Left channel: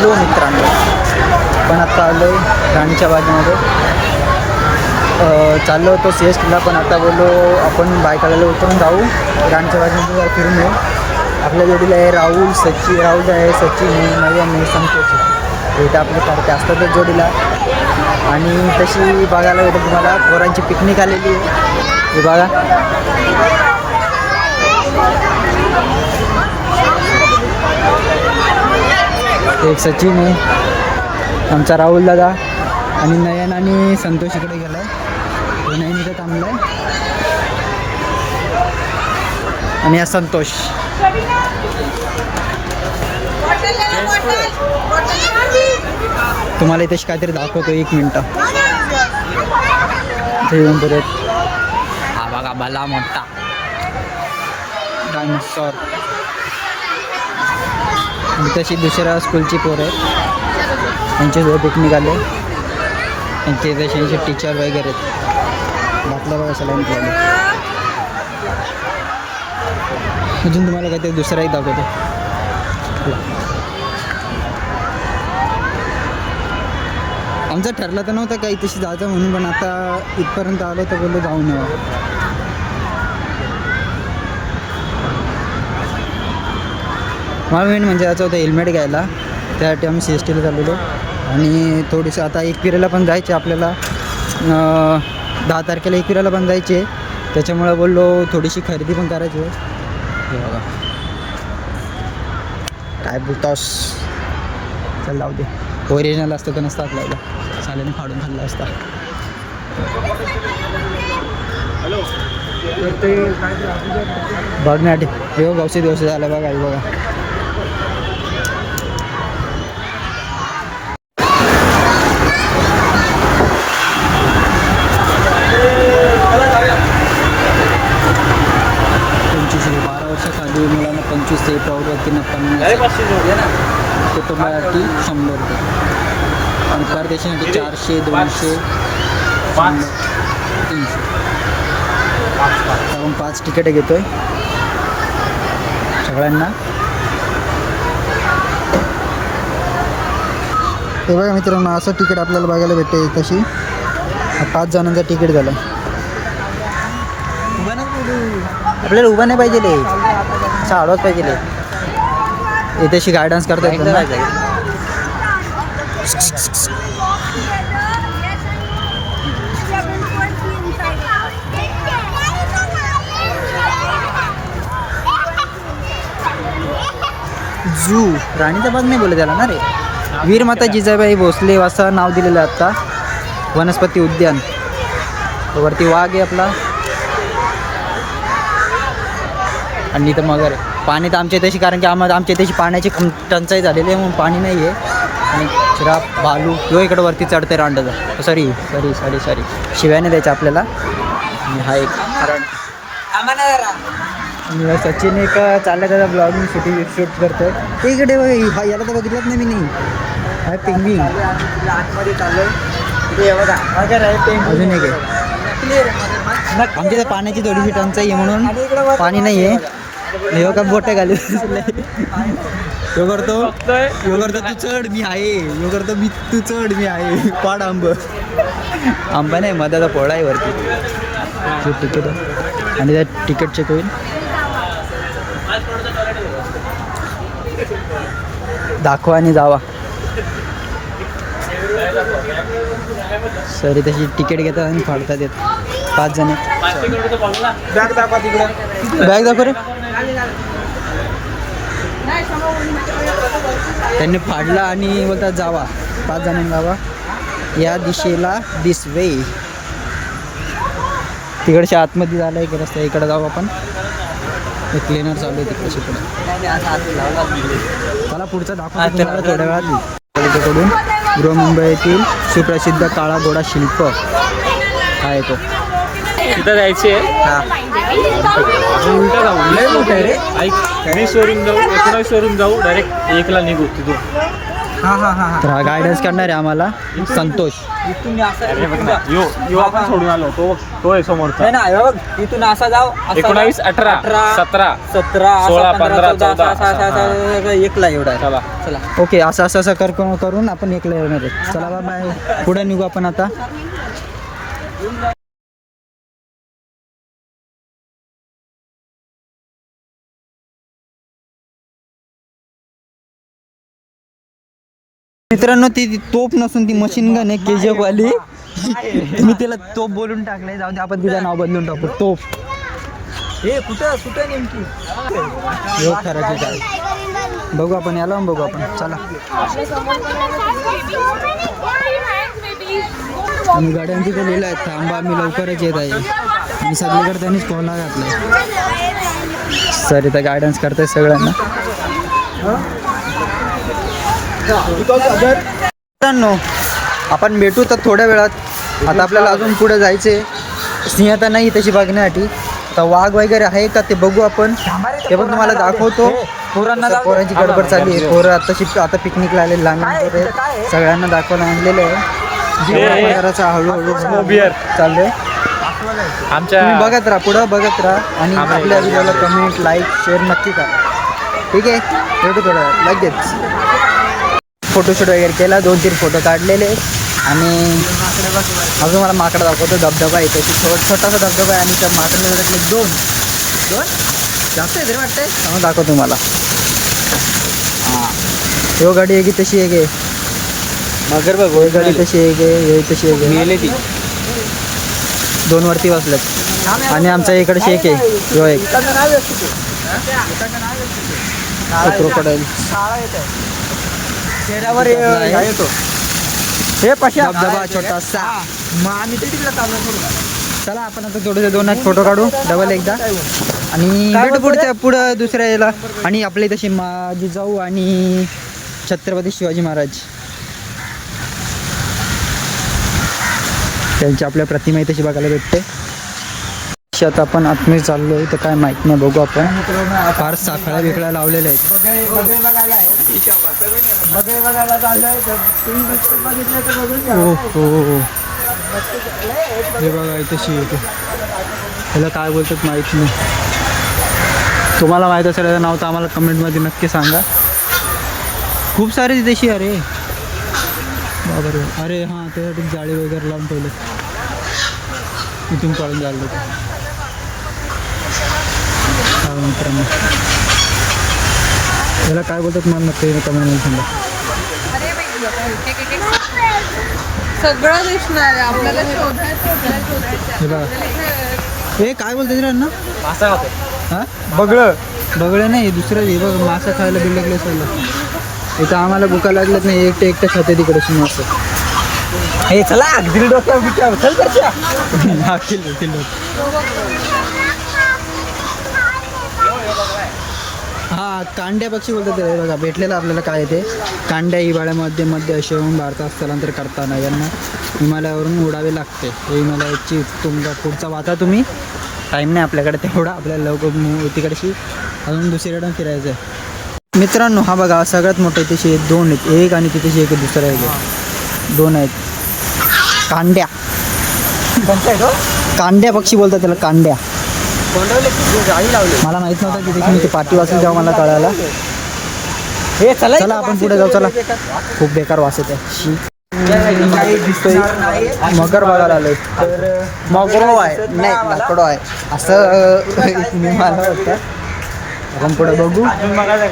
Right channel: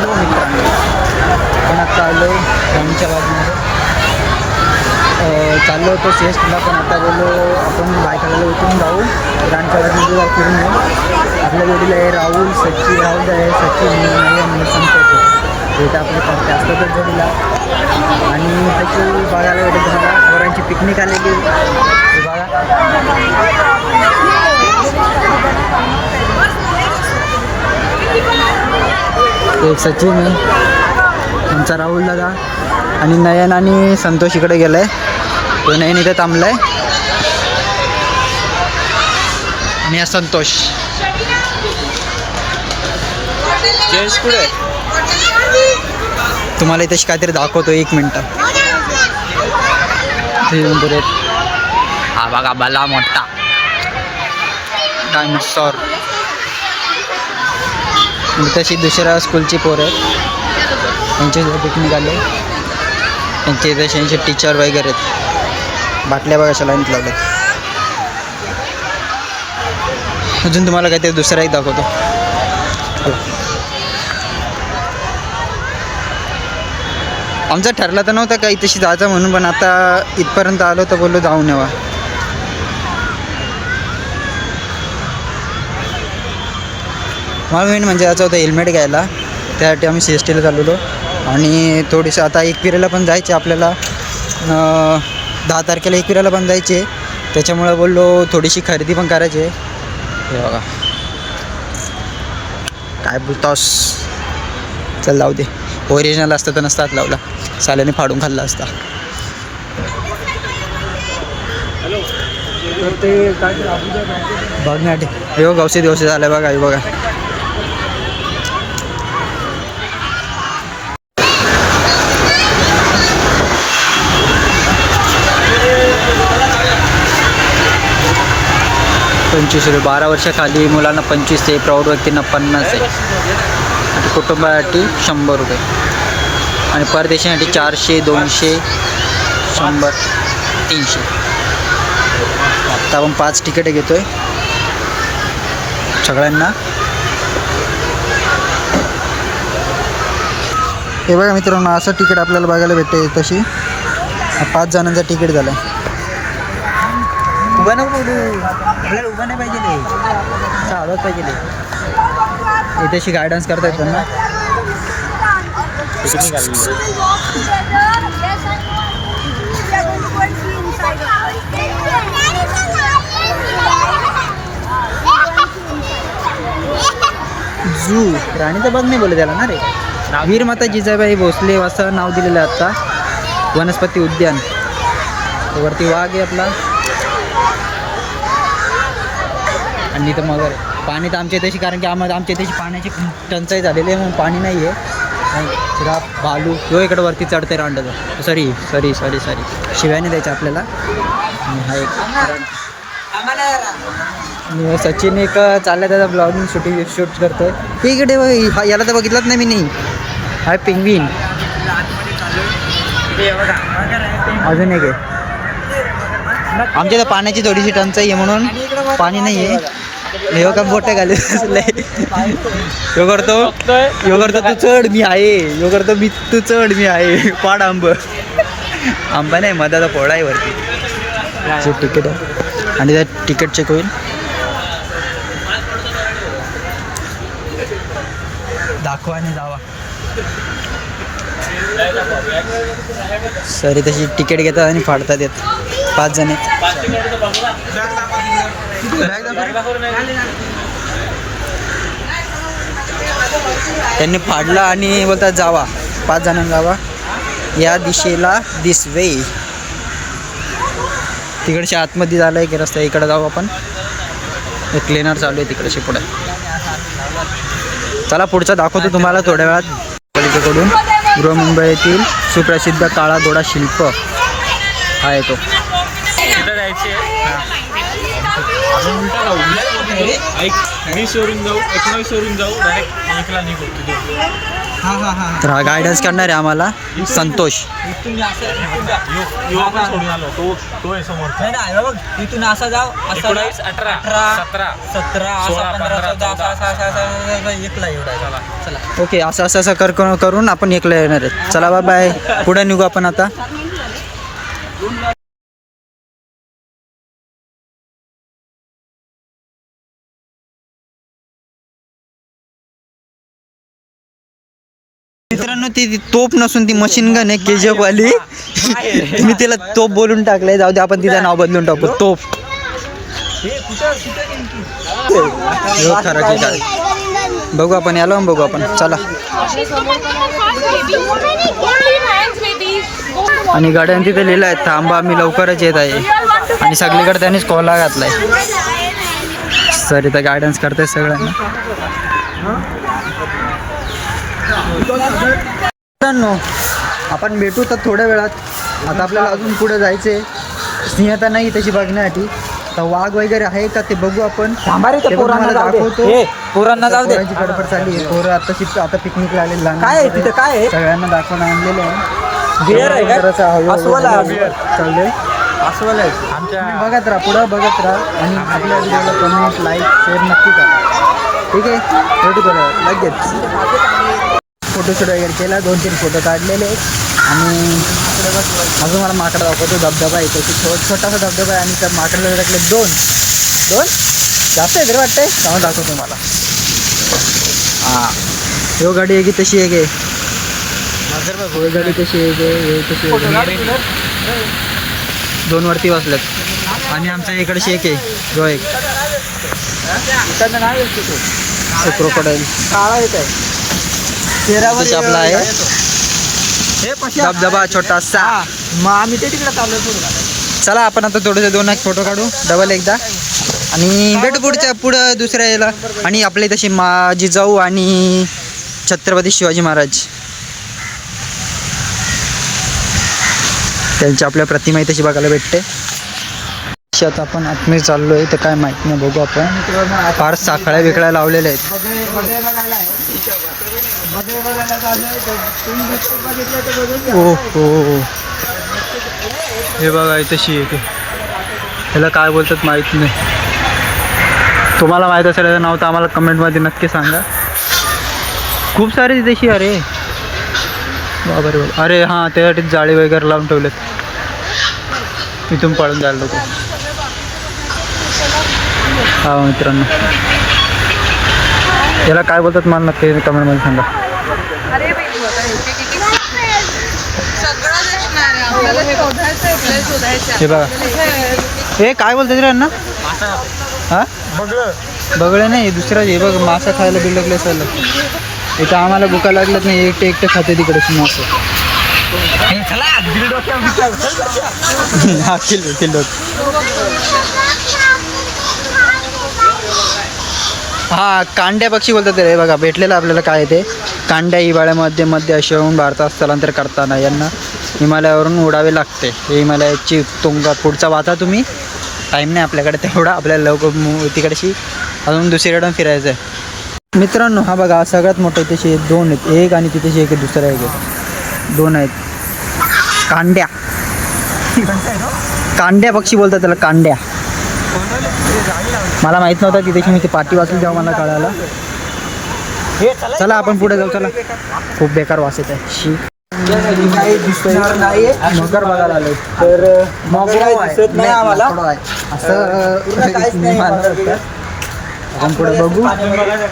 Hello मित्रांनो, पण आता आलो आहे राणीच्या बाजूमध्ये. चाललो होतो CSTला, पण आता बोललो आपण बायकाला उतरून जाऊ राणीच्या बाजूमध्ये, जरा फिरून येऊ. आपल्या जोडीला आहे राहुल आहे, सचिन नाही आणि संतोष आहे. हे तर आपले सारखे असतातच जोडीला. आणि तशी बघायला भेटेल तुम्हाला पोरांची पिकनिक आलेली आहे. हे बघा, एक सचिन आहे, आमचा राहुल दादा, आणि नयन आणि संतोष इकडे गेला आहे. तो नयन इथे थांबला आहे आणि हा संतोष. तुम्हाला इथे काहीतरी दाखवतो, 1 मिनटं. ते येऊन पुढे हा बघा, भला मोठा डायनोसॉर. आणि तशी दुसऱ्या स्कूलची पोरं आहेत, त्यांचे पिकनिक आले. त्यांचे तसे टीचर वगैरे आहेत. बाटल्या बघा कशा लाईनीत लावल्यात. अजून तुम्हाला काहीतरी दुसरा एक दाखवतो. चला, आमचं ठरलं तर नव्हतं काही तशी जायचं म्हणून, पण आता इथपर्यंत आलो तर बोललो जाऊन यावा. मला मेन म्हणजे याचं होतं हेल्मेट घ्यायला, त्यासाठी आम्ही CSTला चालवलो. आणि थोडीसं आता एकविरेला पण जायचे आपल्याला, 10 तारखेला एकविरेला पण जायचे. त्याच्यामुळे बोललो थोडीशी खरेदी पण करायची आहे. हे बघा, काय बोलतोस, चल जाऊ दे. ओरिजिनल असतं तर नसतात लावला, साल्याने फाडून खाल्ला असता. तर ते बघण्यासाठी हे गवसे दिवसे झाले बघा. हे बघा, ₹25. 12 वर्षाखाली मुलांना 25 आहे, प्रौढ व्यक्तींना 50 आहे, आणि कुटुंबासाठी ₹100, आणि परदेशासाठी 400, 200, 100, 300. आता आपण 5 तिकीटे घेतो आहे सगळ्यांना. हे बघा मित्रांनो, असं तिकीट आपल्याला बघायला भेटते. तशी 5 जणांचा तिकीट झालं आहे. उभा नको बोलू, आपल्याला उभा नाही पाहिजे, असा आडवाच पाहिजे. हे तशी गायडन्स करता येतात ना. झू राणीचा बाग नाही बोलत त्याला ना रे. वीरमाता जिजाबाई भोसले असं नाव दिलेलं आहे आता. वनस्पती उद्यान, तो वरती वाघ आहे आपला, आणि इथं मगर आहे. पाणी तर आमच्या इथेशी, कारण की आमच्या इथेशी पाण्याची टंचाई झालेली आहे म्हणून पाणी नाही आहे. शिराप भालू यो इकडं वरती चढते रांडाचा. सॉरी शिव्याने द्यायचं आपल्याला. आणि हा एक आणि सचिन एक चालला त्याचा ब्लॉगिंग शूट करतोय. ते इकडे बघ, याला तर बघितलंच नाही मी. नाही, हा पिंगवीन. अजून एक आहे. आमच्या इथं पाण्याची थोडीशी टंचाई आहे म्हणून पाणी नाही आहे. हे का बोटे घाले यो करतो तू चढ मी आहे, यो करतो मी तू चढ मी आहे. पाड आंबा नाही, मधाचा पोळा आहे वरती. जे तिकीट आहे आणि त्या तिकीट चेक होईल. दाखवा आणि जावा. सरी तशी तिकीट घेतात आणि फाडतात येत. 5 जण आहेत. बॅग दाखव रे. त्यांनी फाडला आणि बोलतात जावा, 5 जणांना जावा या दिशेला, दिस वे. तिकडच्या आतमध्ये झालं एक रस्ता, इकडे जाऊ आपण. एक क्लीनर चालू आहे तिकडे पुढे. चला पुढचा दाखवतो तुम्हाला थोड्या वेळात. पालिकेकडून बृहन्मुंबई येथील सुप्रसिद्ध काळा घोडा शिल्प हा येतो. तिथं जायचे आपण उलटा जाऊ. ऐक, 20 वरून जाऊ, 19 वरून जाऊ, डायरेक्ट 1ला निघू तिथून. तर हा गायडन्स करणार आहे आम्हाला संतोष. आपण सोडून आलो तो आहे समोरचा. तिथून असा जाव 19, 18, 17, 17 16, 15, 14 एकला एवढा आहे. चला ओके, असं करून आपण एकला येणार आहे. चला बाय बाय, पुढे निघू आपण आता. मित्रांनो, ती तोप नसून ती मशीन गन आहे KGF वाली. मी तिला तोप बोलून टाकलंय. जाऊ दे, आपण तिचं नाव बदलून टाकू तोप. हो खरं की काय बघू आपण, याला बघू आपण. चला. आणि गाड्यां तिथे लिहिलं आहे थांबा आम्ही लवकरच येत आहे. आणि सगळीकडे त्यांनीच कोला घातलाय. सर इथं गायडन्स करताय सगळ्यांना. मित्रांनो, आपण भेटू तर थोड्या वेळात. आता आपल्याला अजून पुढे जायचे. सिंहता नाही तशी बघण्यासाठी. आता वाघ वगैरे आहे का ते बघू आपण. ते पण तुम्हाला दाखवतो. पोरांची गडबड चालली आहे. पोरं आता पिकनिकला आले लहान सगळ्यांना दाखवायला आणलेलं आहे. जराचा हळूहळू चाललंय. तुम्ही बघत राहा, पुढं बघत राहा. आणि आपल्या व्हिडिओला कमेंट, लाईक, शेअर नक्की करा. ठीक आहे, भेटू थोड्या लगेच. फोटोशूट वगैरे केला, 2-3 फोटो काढलेले. आणि अजून मला माकडं दाखवतो. धबधबा आहे त्याची, छोटासा धबधबा आहे. आणि त्या माकडाला टाकले दोन जास्त आहे तरी वाटतंय. त्यामुळे दाखवतो तुम्हाला. हां, यो गाडी आहे की तशी आहे गे. हे गाडी कशी आहे गे, हे तशी आहे. 2 वरती बसल्यात. आणि आमचा इकडे शेक आहे, यो एक क्रोकोडाईल आपला आहे. धबधबा छोटासा. मग आम्ही ते तिकडे चाललो. चला आपण आता थोडेसे 2-1 फोटो काढू डबल एकदा. आणि भेटू पुढं दुसऱ्या याला. आणि आपले तशी माझी जाऊ आणि छत्रपती शिवाजी महाराज त्यांची आपल्या प्रतिमा तशी बघायला भेटते. आता आपण आतमध्ये चाललो आहे तर काय माहीत नाही, बघू आपण. फार साखळ्या बिकळ्या लावलेल्या आहेत. हो हो, हे बघा तशी आहे. ह्याला काय बोलतात माहीत नाही. तुम्हाला माहीत असेल याचं नाव तर आम्हाला कमेंटमध्ये नक्की सांगा. खूप सारे तशी. अरे बाबा रे बाबा. अरे हां, त्यासाठी जाळी वगैरे लावून ठेवलेत. इथून पळून जायला नको. हा मित्रांनो, याला काय बोलतात मला नक्की कमेंटमध्ये सांगा. हे बघा, हे काय बोलतात रे यांना. हां, बगळं नाही, दुसरं हे बघ. मासा खायला बिल्डकले चाललं. इथं आम्हाला भुका लागल्यात नाही. एकटे खाते तिकडे मासे. हा किल्लो. हा, कांड्या पक्षी बोलतात रे. बघा भेटलेलं आपल्याला काय ते. कांड्या हिवाळ्यामध्ये मध्य आशियाहून भारतात स्थलांतर करताना यांना हिमालयावरून उडावे लागते. हे हिमालयाची तुंगा पुढचा वाचा तुम्ही. टाईम नाही आपल्याकडे तेवढा. आपल्याला लवकर तिकडेशी अजून दुसरीकडून फिरायचं आहे. मित्रांनो, हा बघा सगळ्यात मोठे तसे 2 आहेत. एक आणि तिथे एक दुसरा एक आहे. 2 आहेत. कांड्या पक्षी बोलतात त्याला, कांड्या. मला माहित नव्हतं तिथे. मी ते पाठी वाचली तेव्हा मला कळाला. चला आपण पुढे जाऊ. चला, खूप बेकार वास येत आहे. दिसतोय मगर बघायला आलोय. तर मगरो आहे नाही, लाकडो आहे असं मी मला वाटतं. आपण पुढे बघू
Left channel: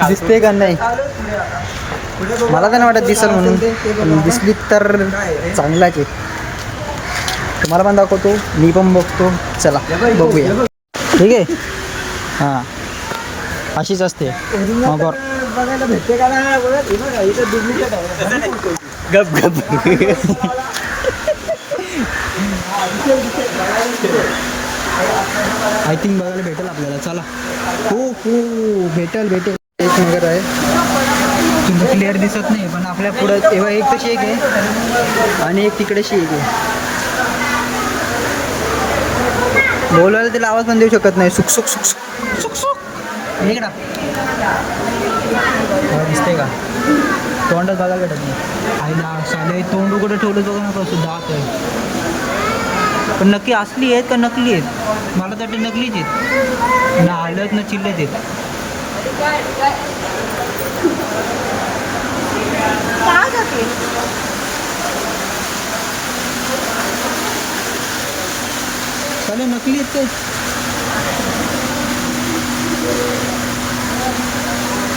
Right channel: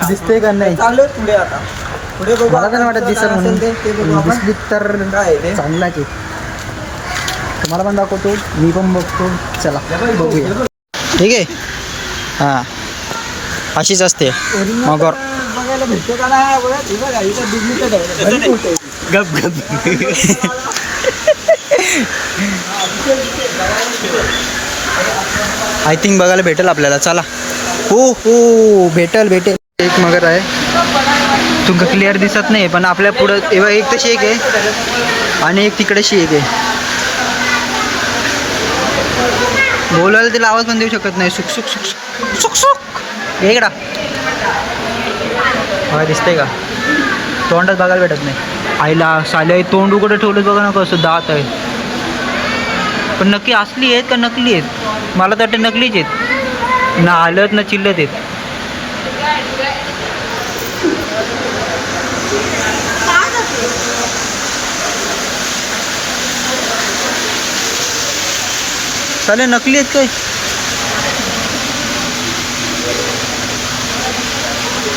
दिसते का नाही. मला तर नाही वाटत दिसल म्हणून. दिसली तर चांगला की तुम्हाला पण दाखवतो. मी पण बघतो. चला बघूया. ठीक आहे. हां, अशीच असते मगर. गप गप. आय थिंक बघायला भेटेल आपल्याला. चला. हो हो, भेटेल. एक मगर आहे. तुमका क्लिअर दिसत नाही पण आपल्या पुढं तेव्हा एक तशी एक आहे आणि एक तिकडेशी एक आहे. बोलायला तिला आवाज पण देऊ शकत नाही. सुक सुक सुक सुक सुक सुक. इकडा बघा, दिसतंय का. तोंडात बघायला भेटत नाही. आईला साली तोंड उघडं ठेवलं बघा ना कसं दात आहे. पण नक्की असली आहेत का नकली आहेत? मला तर वाटतं नकलीच आहेत. ना आलत ना चिल्लत आहेत. साले नकली आहेत काय?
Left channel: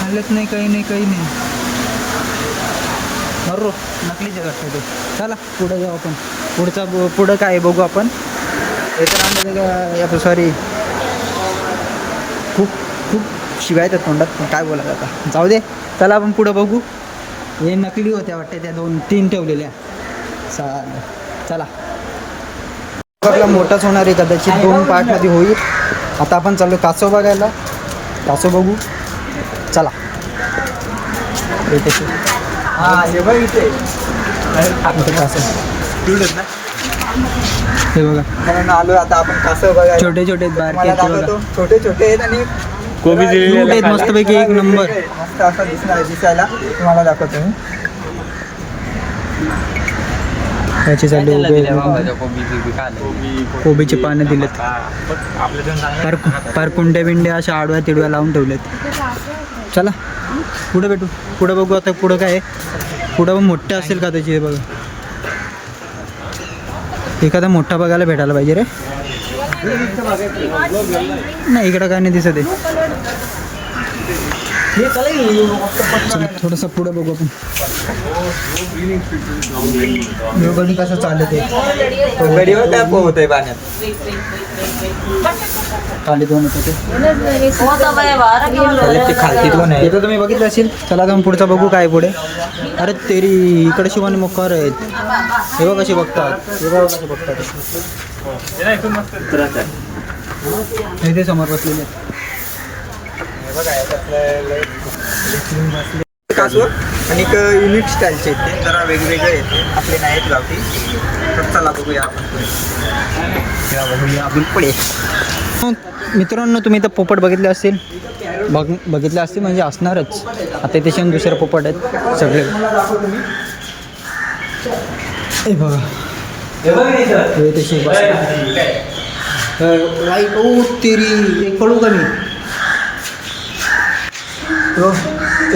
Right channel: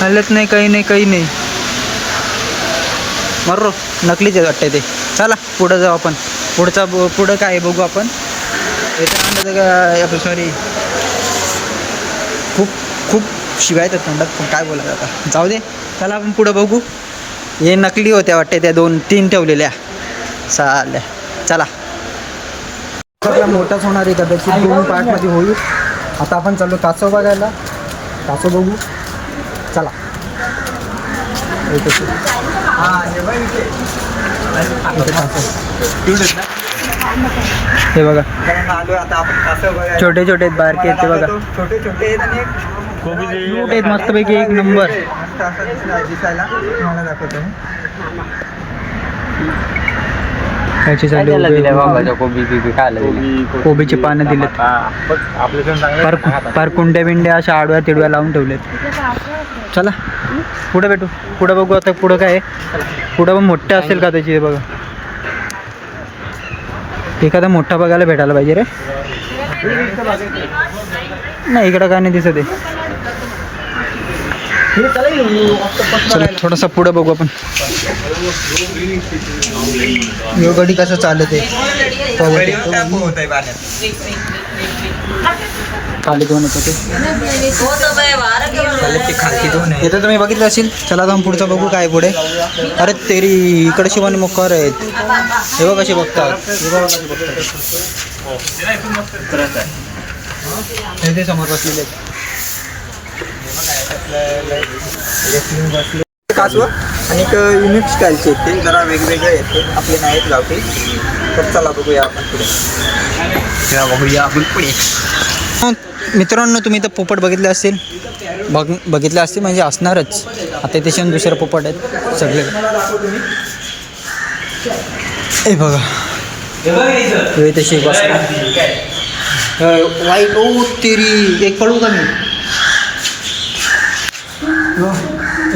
आलत नाही, काही नाही, काही नाही. मर्रो नकलीच आहेत वाटतं ते. चला पुढं जाऊ आपण. पुढं काय आहे बघू आपण. याचं का सॉरी, खूप शिवाय येतात तोंडात, पण काय बोलायचं आता, जाऊ दे. चला आपण पुढं बघू. हे नकली होत्या वाटते, त्या 2-3 ठेवलेल्या चालेल. चला आपला मोठाच होणार आहे कदाचित, 2 पार्टमध्ये होईल. आता आपण चाललो कासव बघायला. कासव बघू चला. इथे कासव हे बघा. आलोय आता आपण कासव बघा. छोटे छोटे आहेत, बारके आहेत ते बघा. छोटे छोटे आहेत आणि क्यूट आहेत मस्तपैकी, एक नंबर. मस्त असं दिसायला तुम्हाला दाखवतो मी. याची चालली कोबीचे पानं दिलेत. पार कुंड्या बिंड्या अशा आडव्या तिडव्या लावून ठेवलेत. चला पुढे भेटू. पुढं बघू आता. पुढं काय आहे? पुढं पण मोठ्या असेल का त्याची? बघा एखादा मोठा बघायला भेटायला पाहिजे रे. नाही इकडं काय नाही दिसत आहे. चला थोडंसं पुढं बघू आपण. यो गडी कसं चालत आहे? खाली दोन येतं ते येतं, तुम्ही बघितलं असेल. चला जाऊन पुढचं बघू काय पुढे. अरे तेरी इकडे शिवानी मुखार आहेत. हे बघ कसे बघतात, हे बघ कसे बघतात. ते समोर बसलेले आहेत. कासव आणि युनिक स्टाईलचे आहेत ते, जरा वेगवेगळे आहेत. आपले नाहीत गावठी. तर चला बघूया आपण पुढे. मित्रांनो तुम्ही तर पोपट बघितले असतील. बघितले असतील म्हणजे असणारच. आता त्याच्या दुसरे पोपट आहेत सगळे. हे बघा हे तसे वाईट. ओ तेरी एक पळू का मी?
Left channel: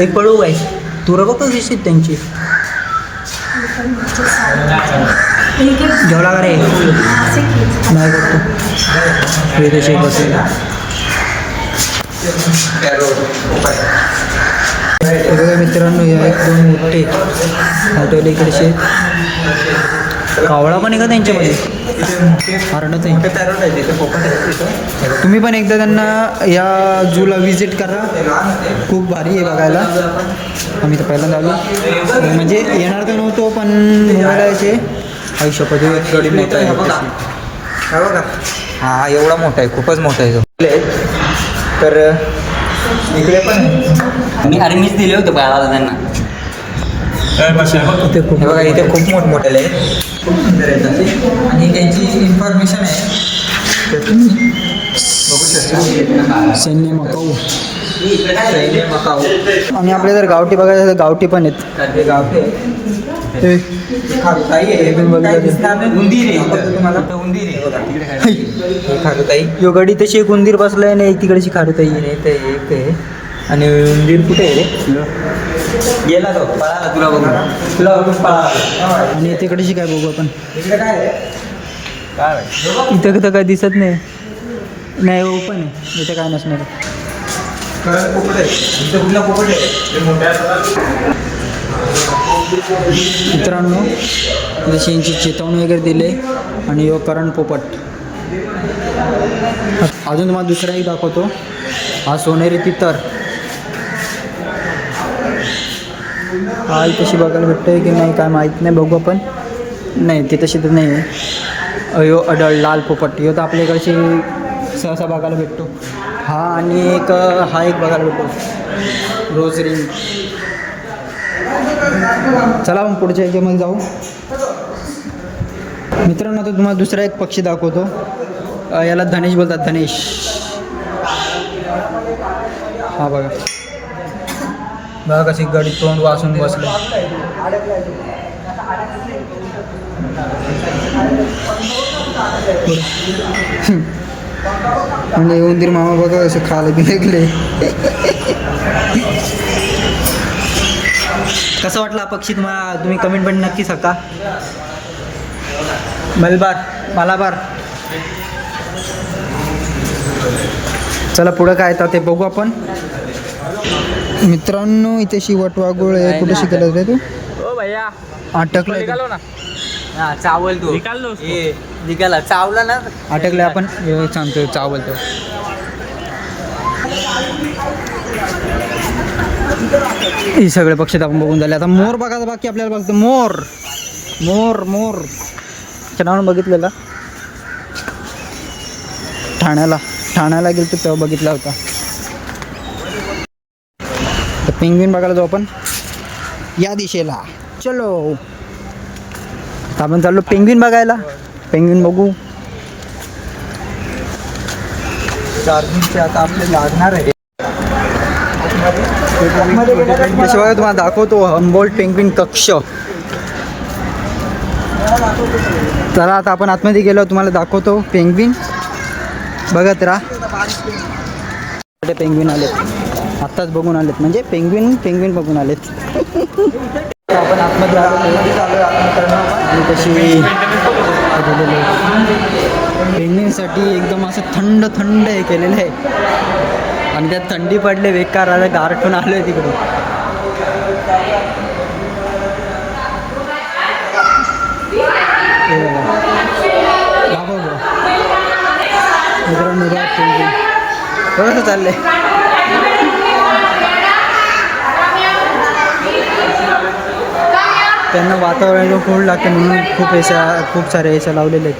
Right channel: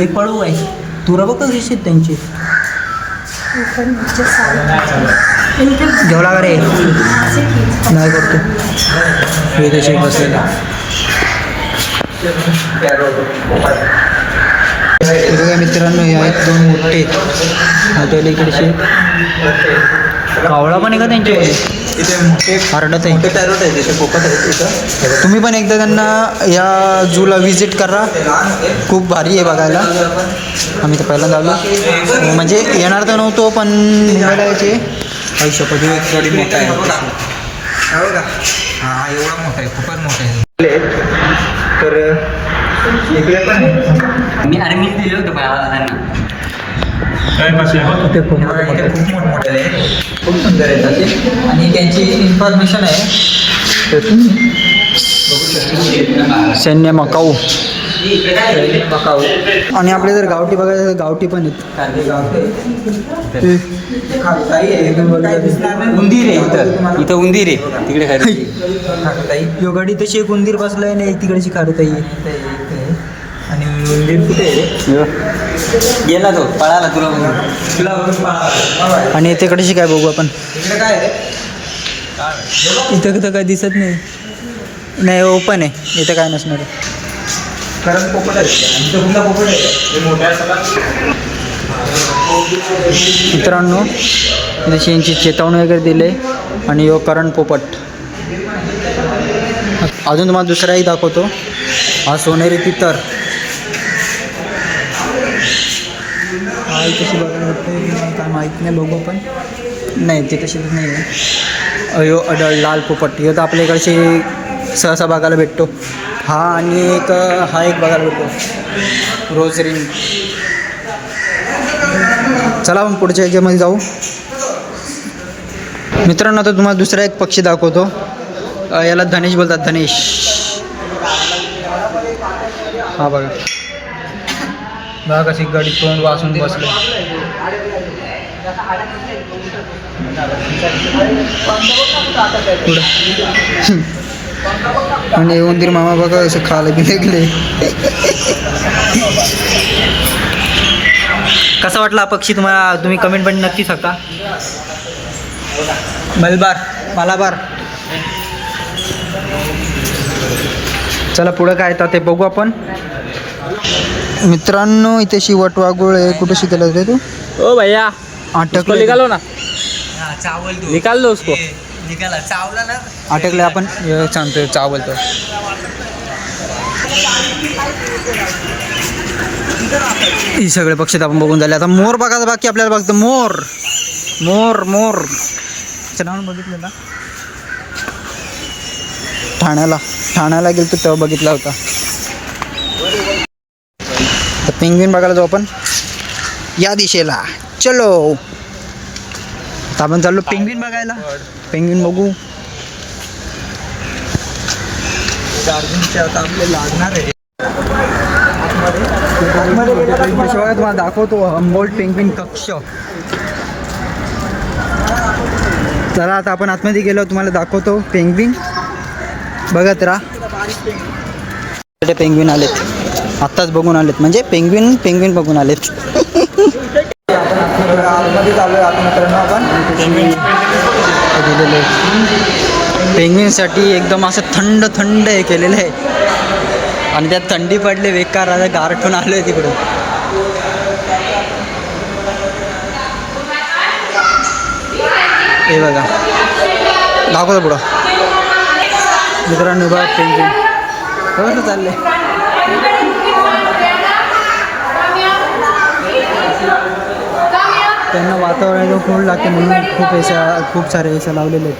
एक पळू काय? तुरा बघ कशी त्यांची. जेवला का रे? नाही करतो. हे तसे बसलेले. हे बघा मित्रांनो, हे आहेत 2 मोठे इकडचे. कावळा पण आहे का त्यांच्यामध्ये? हरडत आहे. तुम्ही पण एकदा त्यांना या झूला व्हिजिट करा. खूप भारी आहे बघायला. आम्ही तर पहिल्यांदा आलो, म्हणजे येणार तर नव्हतो पण मुंबईला यायचे. आयुष्यपद एक गडी मोठा आहे तशी. हो का? हां एवढा मोठा आहे, खूपच मोठा आहे. तर इकडे पण अरे मीच दिले होते त्यांना. इथे खूप मोठमोठे आहे, खूप सुंदर आहेत असे. आणि त्यांची इन्फॉर्मेशन आहे ते तुम्ही बघू शकता. सैन्य मकाऊ. आणि आपले जर गावठी बघायचं तर गावठी पण आहेत. गावठी उंदीर आहे तिकडे. यो गडी तशी एक उंदीर बसलाय आणि तिकडची खारुताई आहे. आणि उंदीर कुठे आहे? गेला तो पळाला तुला बघून पळाला. आणि तिकडची काय बघू आपण. इथं तर काय दिसत नाही. नाही ओपन आहे, इथं काय नसणार. मित्रांनो जशी यांची चेतावणी वगैरे दिले. आणि यो करण पोपट. अजून तुम्हाला दुसराही दाखवतो. हा सोनेरी तितर. हा तशी बघायला भेटतोय की नाही काय माहीत नाही, बघू आपण. नाही ते तशी तर नाही आहे. अयो अडळ लाल पोपट. ह्यो तर आपल्या इकडचे सहसा बघायला भेटतो. हा आणि एक हा एक बघायला भेटतो रोज रिंग. चला आपण पुढच्या ह्याच्यामध्ये जाऊ. मित्रांनो आता तुम्हाला दुसरा एक पक्षी दाखवतो. याला धनेश बोलतात, धनेश. हा बघा बघा कशी गडी तोंड वाचून बसले. आणि उंदीर मामा बघा असं खायला बी लागले. कसा वाटला हा पक्षी तुम्हाला, तुम्ही कमेंट पण नक्की सांगा. मलाबार. चला पुढं काय येतं ते बघू आपण. मित्रांनो इथे वटवाघूळ आहे. कुठे शिकला रे तू? ओ भैया अटकलं निकालो ना, चावल तो निकाल दो उसको. निकाला चावला ना. अटकले आपण सांगतो चावलतो. हे सगळे पक्षी आपण बघून झाले. आता मोर बघायचं बाकी आपल्याला. बघतो मोर. नाव बघितलेला ठाण्याला गेलो तेव्हा बघितला होता. तर पेंग्विन बघायला जाऊ आपण या दिशेला. चलो तर आपण चाललो पेंग्विन बघायला. पेंग्विन बघू. आता आपले लागणार आहे. तुम्हाला दाखवतो हंबोल्ट पेंग्विन कक्ष. चला आता आपण आतमध्ये गेलो, तुम्हाला दाखवतो पेंग्विन. बघत राहा. पेंग्विन आलेत आत्ताच बघून आलेत, म्हणजे पेंग्विन बघून आलेत. आपण आतमध्ये आलेलो आणि कशी दिलेलं आहे पेंग्विनसाठी. एकदम असं थंड हे केलेलं आहे. आणि त्यात थंडी पडले बेकार. आता गारठून आलो आहे तिकडून. हे बघा दाखवतो पुढं. मित्रांनो बघा पेंग्विन कसं चाललंय. त्यांना वातावरण खूप लागते म्हणून खूप सारे ऐसा लावलेले आहेत.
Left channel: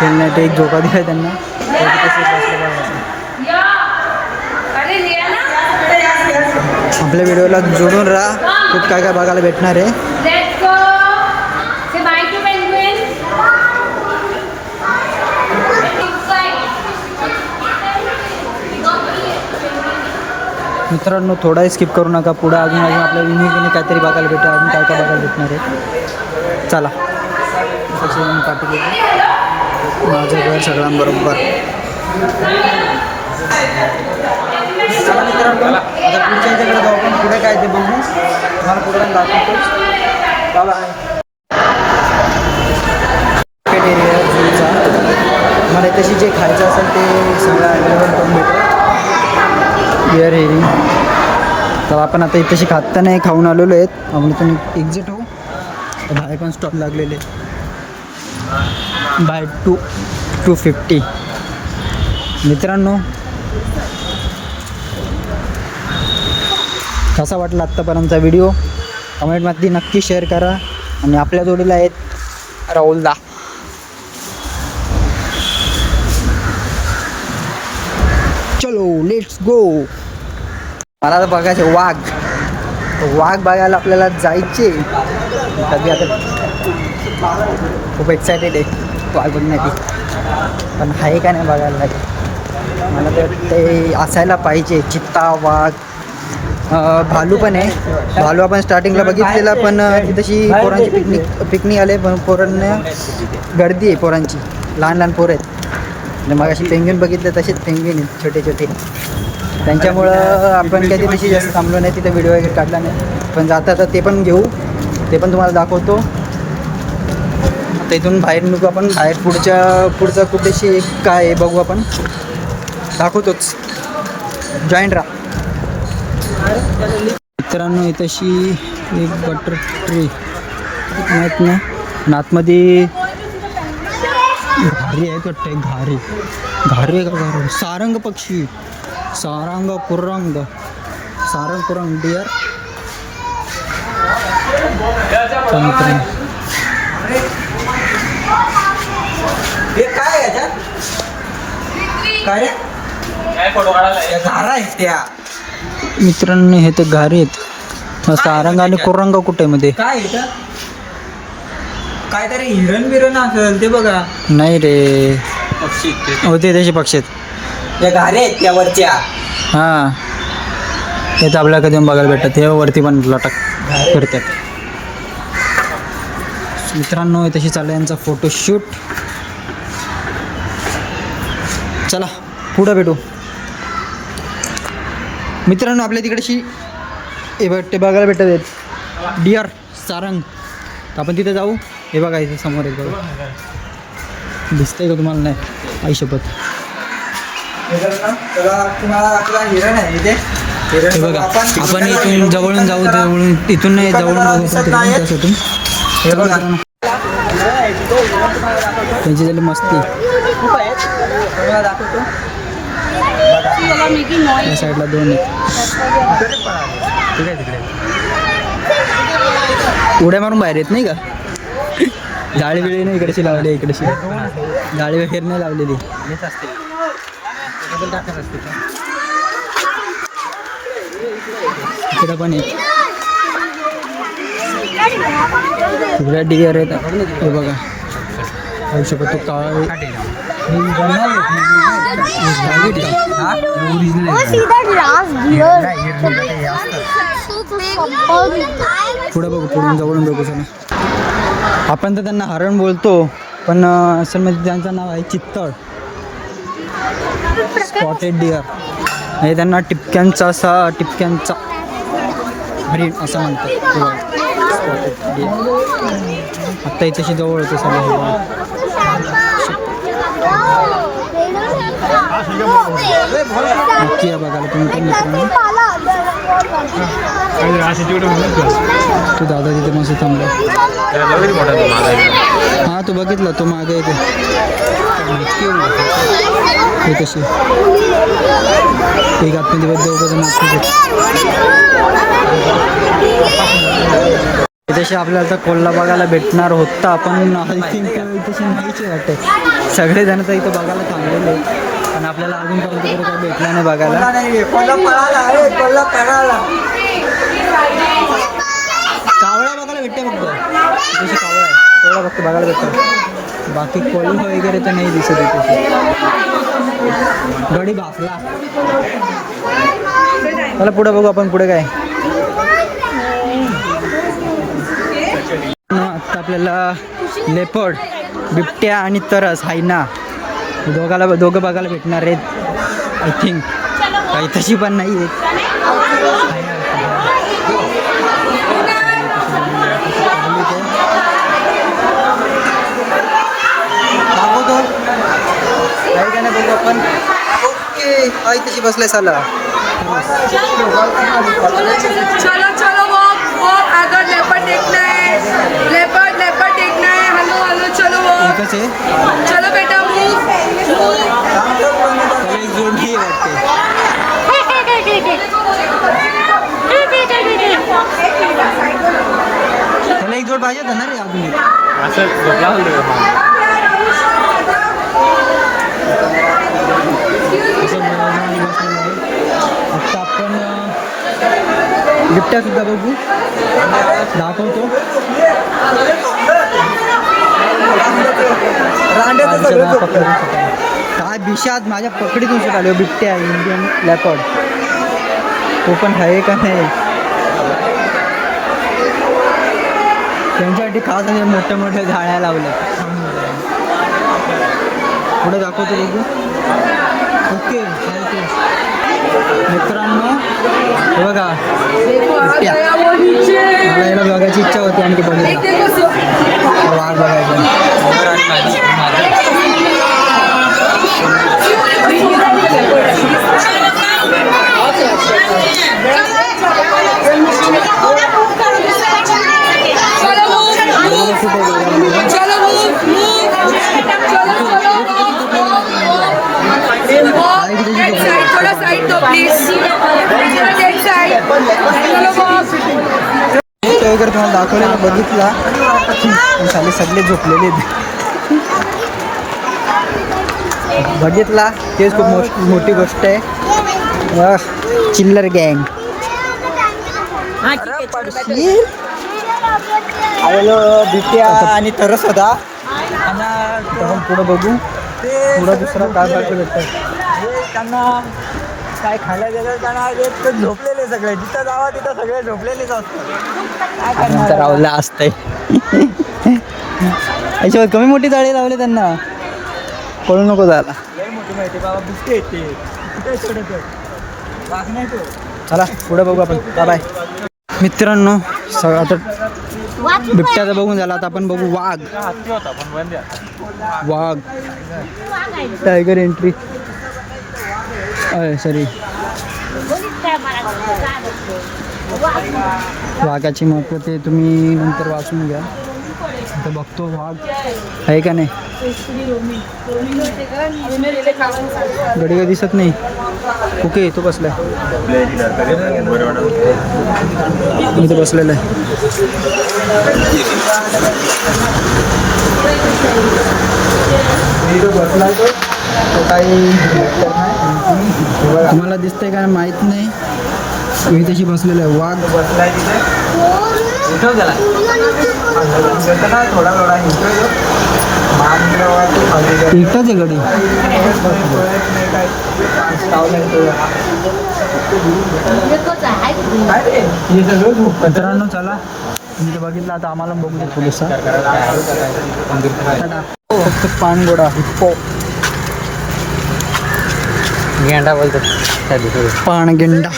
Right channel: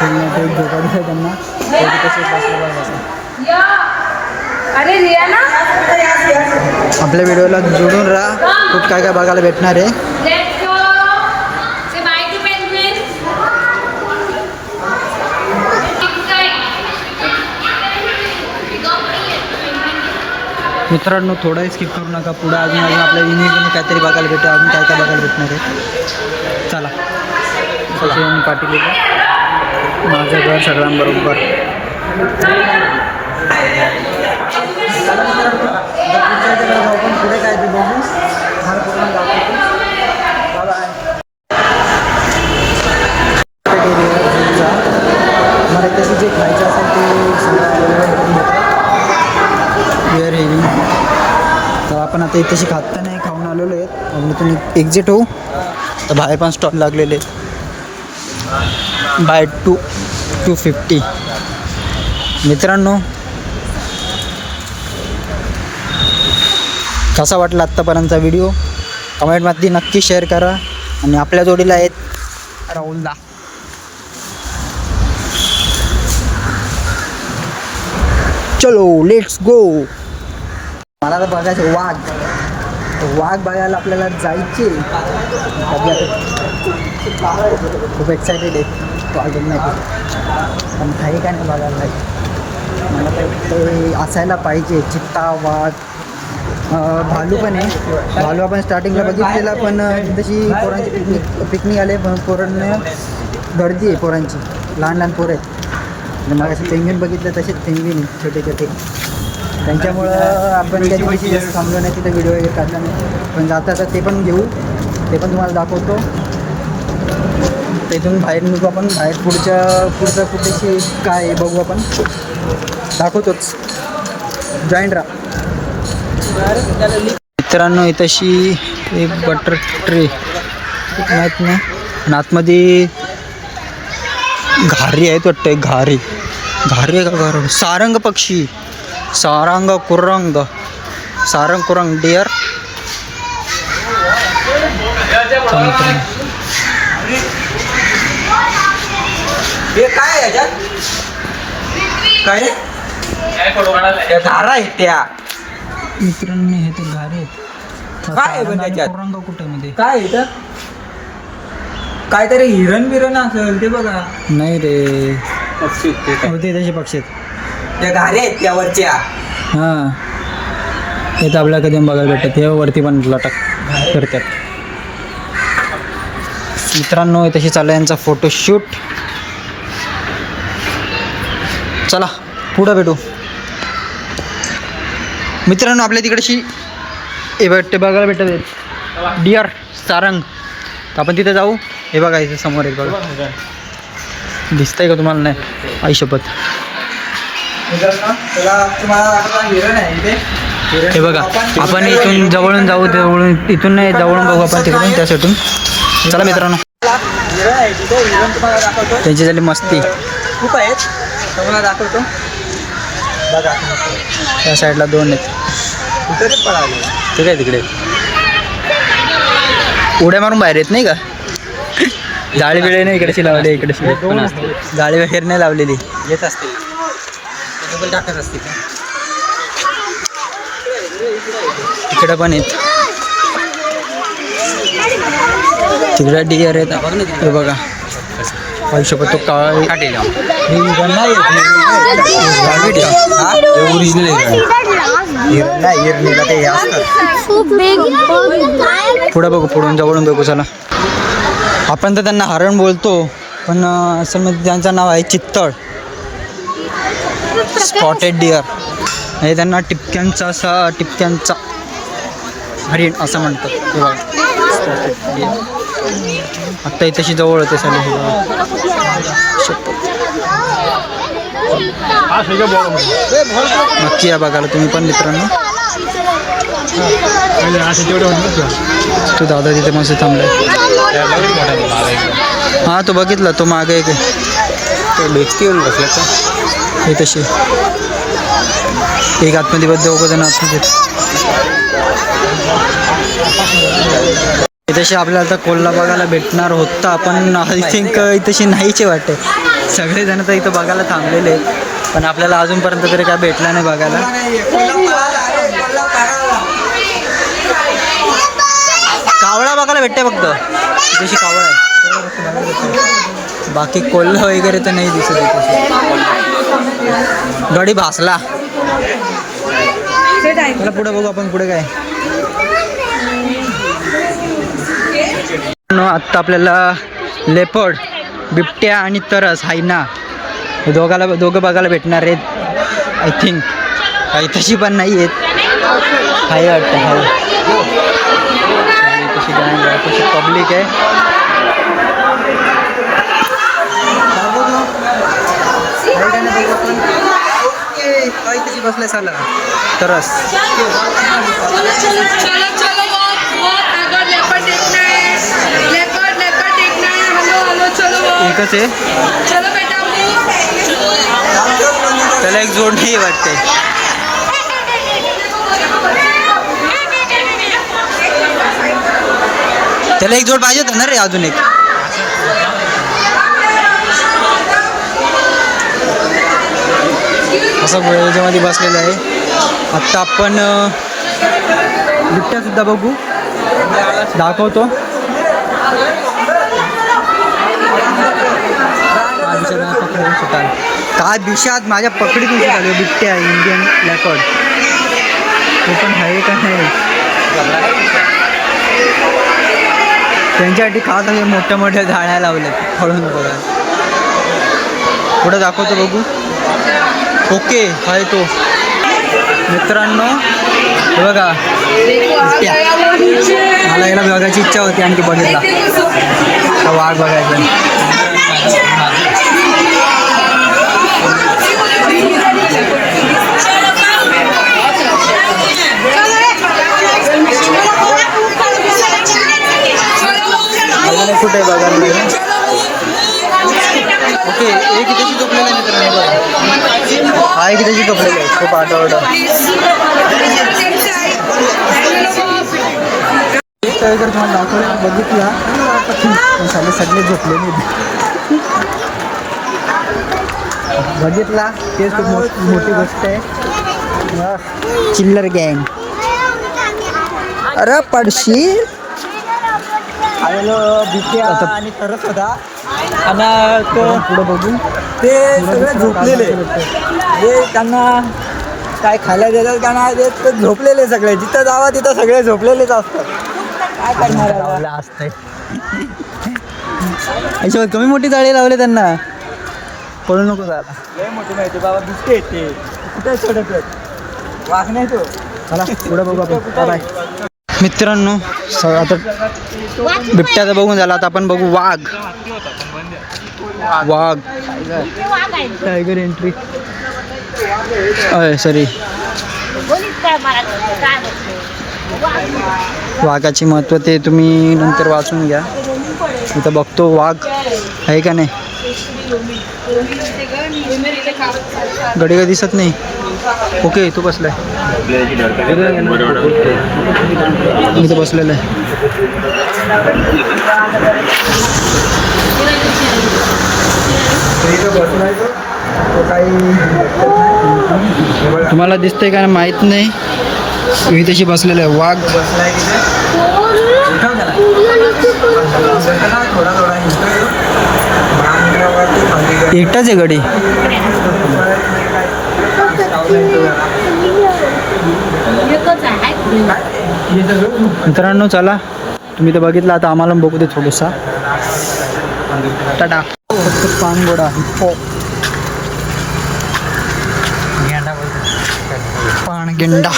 खेळण्यात एक झोका दिला त्यांना. तसेच बसले बघा. आपल्या व्हिडिओला जोडून राहा. खूप काय बघायला भेटणार आहे. मित्रांनो थोडा स्किप करू नका. पुढे अजून आपल्या युनिकने काहीतरी बघायला भेटेल. अजून काय बघायला भेटणार आहे. चला तसे पाटील माझं घर सगळ्यांबरोबर. चला मित्रांनो आता पुढच्या याच्याकडे जाऊ आपण. पुढे काय ते बघू. तुम्हाला पुढे पण दाखवतो. बाय. एरिया झूचा मला तशी जे खायचं असेल ते सगळं अवेलेबल करून भेटेल. बिअर हेरिंग. तर आपण आता इथेशी खात नाही, खाऊन आलेलो आहेत. आपण इथून एक्झिट होऊ. तर बाहेर पण स्टॉल लागलेले बाय 250. मित्रांनो कसा वाटला आत्तापर्यंतचा व्हिडिओ कमेंटमध्ये नक्की शेअर करा. आणि आपल्या जोडीला आहेत राहुलदा. चलो लेट्स गो. मला तर बघायचं वाघ बघायला आपल्याला जायचे. कधी आता खूप एक्सायटेड आहे वाघ बघण्यासाठी. पण आहे का नाही बघायला. मला तर ते असायला पाहिजे. चित्ता वाघ भालू पण आहे. भालू आपण स्टार्टिंगला बघितलेला पण तशी पोरांची पिकनिक आले. पण पोरांना गर्दी आहे पोरांची. लहान पोरं आहेत. मग अशी पेंग्विन बघितलं तसेच पेंग्विन छोटे त्यांच्यामुळं आपण कधी तिची जास्त थांबलो नाही. तिथं व्हिडिओ वगैरे काढला नाही. पण जाता ते पण घेऊ. ते पण तुम्हाला दाखवतो. आता इथून बाहेर निघू आपण. बाहेर पुढचं कुठेशी काय बघू आपण. दाखवतोच. जॉईंट राहा. मित्रांनो इथंशी एक बटर ट्री माहीत नाही. आणि आतमध्ये घारी आहेत वाटतं. घारी आहे का घारी. सारंग पक्षी. सारंग कुरंग डिअर. हे काय याच्यात काय त्या मित्रांनो हे तर घारी आहेत. सारंग आणि कुरंग कुठे मध्ये काय इथं काहीतरी हिरण बिरण असेल ते बघा. नाही रे होते तसे पक्षी आहेत. त्या घारे आहेत त्या वरच्या. हां हे तर आपल्याला कधी बघायला भेटतात. हे वरती पण लटक फिरतात. मित्रांनो तशी चालू आहे यांचा फोटोशूट. चला पुढं भेटू. मित्रांनो आपल्या तिकडची हे भेटते बघायला भेटत डिअर सारंग. तर आपण तिथे जाऊ. हे बघा इथे समोर आहे बघा. दिसतंय का तुम्हाला? नाही आई शपथ. हे बघा आपण इथून जवळून जाऊ. जवळून इथून नाही जवळून बघू आपण तिकडून त्यासाठी. चला मित्रांनो त्यांची झाली मस्ती. खूप आहेत तुम्हाला दाखवतो. त्या साईडला 2 आहेत. ते काय तिकडे उड्या मारून बाहेर येत नाही का? जाळी बिळे नाही इकडेशी लावली. इकडेशी जाळी वगैरे नाही लावलेली. येत असते टाकत असते. तिकडे पण आहेत. तिकडे डिअर आहेत. हे बघा आयुष्य तो काळ पुढे बघू. पुढून जवळून बघू. चला आपण तर त्यांना हरण बोलतो पण असल मध्ये त्यांचं नाव आहे चित्तळ. Spotted dear. हे त्यांना टिपक्यांचा हरिण असं म्हणतात. हे बघा स्पॉटेड डिअर. आत्ता इथेशी जवळ होते साले. हे बघा नक्की या बघायला तुम्ही पण मित्रांनो. तू दादा तिथे मस्त थांबलाय. हां तो बघितला तो मागे एक हे तशी एक आतमध्ये बद्दल 2 जण आतमध्ये. इथेशी आपल्याला आता कोल्हा बघायला भेटणार होता पण आय थिंक इथेशी नाहीचे वाटते. सगळेजण तर इथं बघायला थांबलेले आहेत पण आपल्याला अजूनपर्यंत तरी काय भेटला नाही बघायला. कावळा बघायला भेटते फक्त. इथेशी कावळा आहे तेवढा फक्त बघायला भेटतं. बाकी कोल्हा वगैरे तर नाही दिसत इथे. गडी भासला. मला पुढे बघू आपण. पुढे काय आत्ता आपल्याला लेपर्ड बिबट्या आणि तरस हायना दोघं बघायला भेटणार आहेत आय थिंक. काही तशी पण नाही आहेत. हाय वाटतं तशी पब्लिक आहे. दाखवतो आहे का नाही बघू आपण. ओके तशी बसले साला तरस. चलो चलो बहुत आगे लेपर्ड देखना है. लेपर्ड देखना है. हेलो हेलो चलो एकच आहे. चलो बेटा त्याला एक जोड नाही वाटते. त्याला एक जोड पाहिजे होता ना रे अजून एक. असं याच्यामध्ये बसलेलं आहे. आत्ता आपण बिबट्यासुद्धा बघू. दाखवतो. पकडीतून सुद्धा काय दिवसात माझ्या पकडीतून सुद्धा आलो बिबट्या इंडियन लेपर्ड. तो पण आहे का नाही. त्यांच्यासाठी खास असे मोठ्या मोठ्या झाड्या लावल्यात म्हणून बघा. पुढं दाखवतो बघू. ओके आहे तो मित्रांनो. हे बघा बिबट्या. मला याला बघायची इच्छा होती आणि ती बघितला. वाघ बघायचा. कुठे बघायला. ओके एक त्याची झोपलेला आहे मित्रांनो. हा एक त्याची झोपलेला आहे. खूप आठवडा वगैरे तुम्हाला दाखवलेला बघितला. साले सगळे झोपलेले बघितला. तेच खूप मोठी गोष्ट आहे. चिल्लर गँग. अरे पडशील. बिबट्या आणि तरस होता. आणि पुढं बघू. ते पुढं दुसरा काय भेटतं. हे त्यांना काय खायला देतात का नाही देत, तर झोपलेले सगळे, जिथं जावा तिथं सगळे झोपलेलेच असतात. आणि नंतर राहुलला असतंय याच्यावर कमी मोठी जाळी लावले त्यांना, पळू नको जायला. लय मोठी माहिती बाबा, बिस्के येते कुठं सोडत वाघ नाही तो. चला पुढे बघू आपण. बाय बाय मित्रांनो. आता बिबट्याचं बघून झाला, आता आपण बघू वाघ. वाघ टायगर एंट्री सॉरी. वाघाची महत्त्व ते तुम्ही नंतर वाचून घ्या. इथं बघतो वाघ आहे का नाही. गडी का दिसत नाही. ओके तो बसलाय, मी तर बसलेला आहे. तुम्हाला दिसतंय का माहित नाही, मी तशी बसलेलं आहे. वाघ एकटाच आहे गडी. मित्रांनो चला, तुम्ही तर बघितलं, आता आम्हाला बघू दे थोडंसा. टाटा. फक्त पानगोडा हिप्पो, गेंडा बोलतात. पाणगेंडा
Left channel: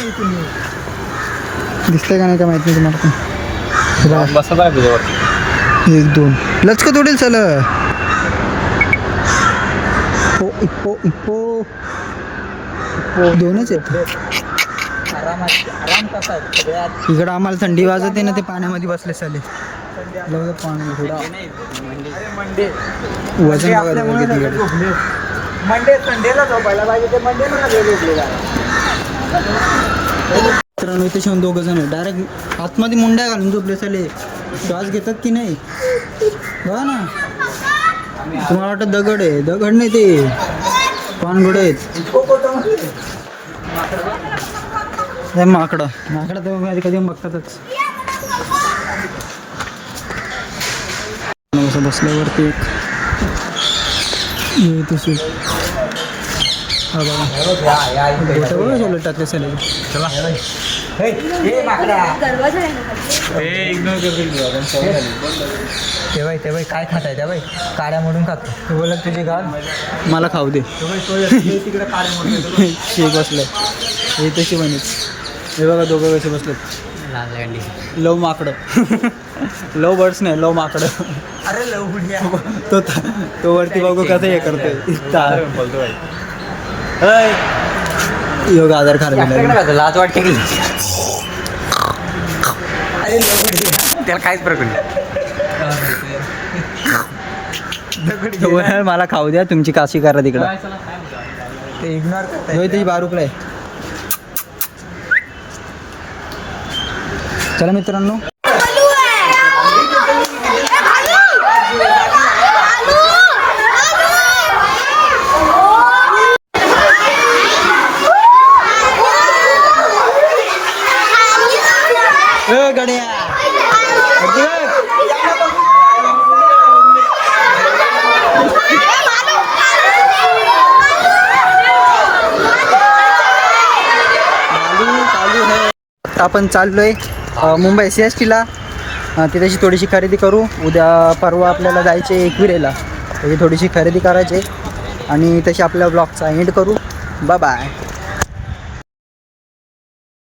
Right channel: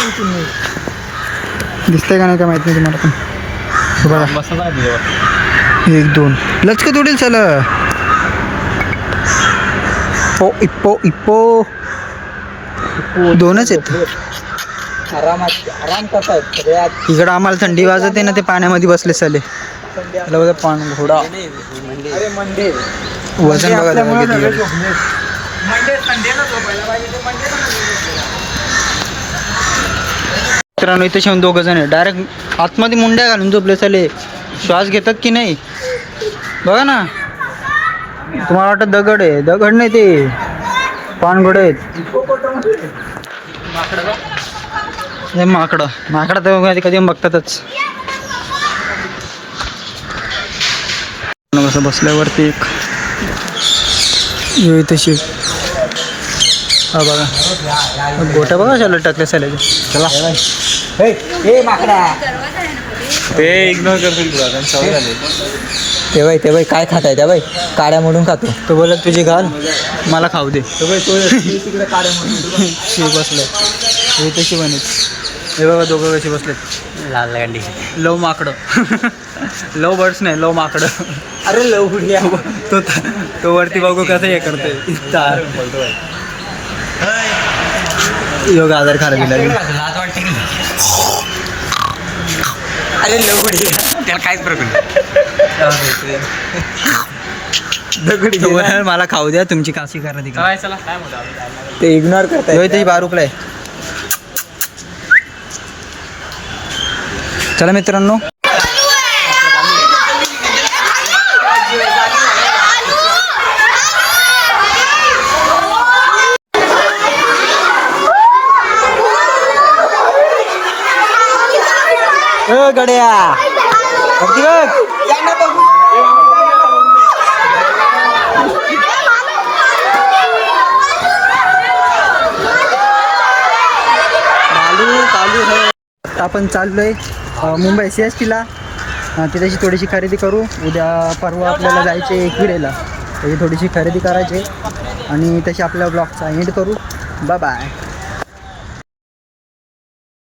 दिसतंय का नाही का माहित नाही तुम्हाला पण. हे बघा बसत आहे तुझ्यावर. 1 2 लचक तोडेल. चल इप्पो इप्पो दोनच आहेत. आराम कसा आहे सगळ्यात. इकडं आम्हाला थंडी वाजते ना, ते पाण्यामध्ये बसले साले. त्याला बघा पान घोडा. वजन बघा त्याचं किती आहे. मंडे संडेला झोपायला पाहिजे, तर मंडेला झोपलेला. मित्रांनो इथे शिवून 2 जण आहे. डायरेक्ट आतमध्ये मुंड्या घालून झोपले साले. श्वास घेतात की नाही बघा ना. तुम्हाला वाटतं दगड आहे, दगड नाही ते पानघोडे आहेत. हे माकडं तर कधी कधी बघतातच. कसं बसल्यावरती एक तशी हा बघा गोट्या बघा शाला टाकल्या साल्याचे. चला हे माकडा ते इग्नोर करतील तुला, कारण सवय झाली. ते बाई काय खाताय त्या बाई, काड्या मोडून खातो. तो बोलत तुझी घाल मला खाऊ दे. तिकडे काड्या मोडून शे बसलाय हे तशी बनेल. हे बघा दोघं कसे बसलेत. लाल गाडी. लव माकडं लव बर्ड्स नाही, लव माकडं. अरे लवड्या. तो वरती बघू कसं हे करतोय. बोलतो बाई. योग आधार खायला लागेल. लाज वाटते की. अरे लवड्या, त्याला काहीच तो मला खाऊ द्या, तुमची काशी करा तिकडे. काय चला काय म्हणतो. ते इग्नोर करताय. तशी बारूकला आहे. चला मित्रांनो. गड्या वरती बघ. कालू आहे. आता आपण चाललोय मुंबई CSTला. तिथेची थोडीशी खरेदी करू. उद्या परवा आपल्याला जायचे एकविरेला, त्याची थोडीशी खरेदी करायची आणि तशी आपल्या ब्लॉगचा एंड करू. Bye bye.